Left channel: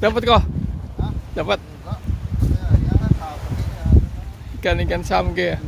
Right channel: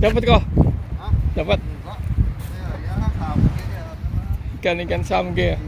Dapat ko. Ha? Dapat. Enggak. Ya, ya, kamu ini ya. Ikan-ikan samge.